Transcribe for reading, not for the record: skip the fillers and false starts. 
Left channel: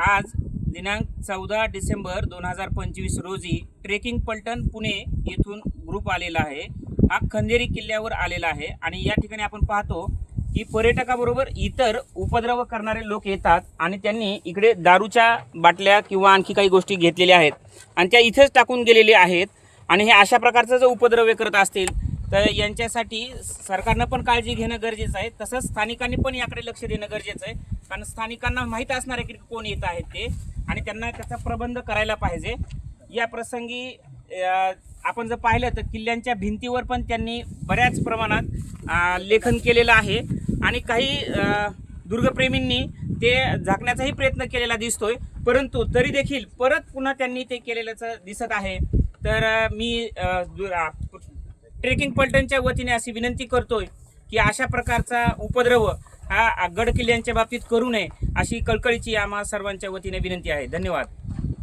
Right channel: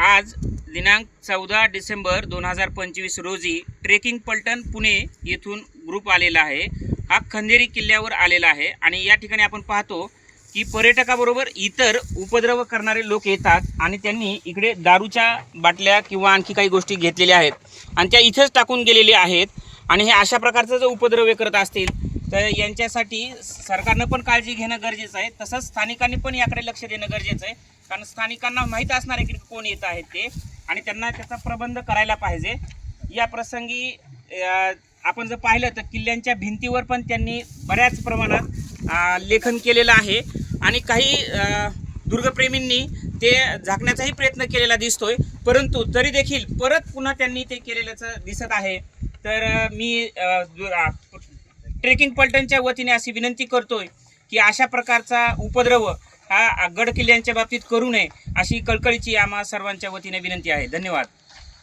आज दिनांक 14 डिसेंबर 2025 रोजी ट्रेकिंग पलटण पुणे येथून ग्रुप आलेला आहे। हा खंदेरी किल्ल्यावर आलेला आहे आणि या ठिकाणी आपण पाहतो की पर्यटकाबरोबर इतर उपद्रव करणारे लोक येतात आणि त्यांनी इकडे दारूच्या बाटल्या किंवा आणखी काही गोष्टी घेतलेल्या आहेत आणि त्या इथेच टाकून गेलेले आहेत आणि हे अशा प्रकारचा जो उपद्रव करत असतील तर यांच्यासाठी सरकारनं पण काळजी घेणं गरजेचं आहे। तसंच स्थानिकांनी पण याकडे लक्ष देणं गरजेचं आहे, कारण स्थानिकांना माहीत असणार आहे की कोण येत आहेत ते आणि त्यांना त्याचा प्रबंध करायला पाहिजे। या प्रसंगी आपण जर पाहिलं तर किल्ल्यांच्या भिंतीवर पण त्यांनी बऱ्याच प्रमाणात लेखन केलेलं आहे आणि काही दुर्गप्रेमींनी ते झाकण्याचाही प्रयत्न केलेला दिसतोय, परंतु तरी देखील परत पुन्हा त्यांनी ते केलेल्याचं दिसत आहे। तर मी ट्रेकिंग पलटणच्या वतीने अशी विनंती करतोय की अशा प्रकारचा उपद्रव हा गड किल्ल्यांच्या बाबतीत करू नये, अशी कळकळीची आम्हा सर्वांच्या वतीने विनंती आहे। धन्यवाद।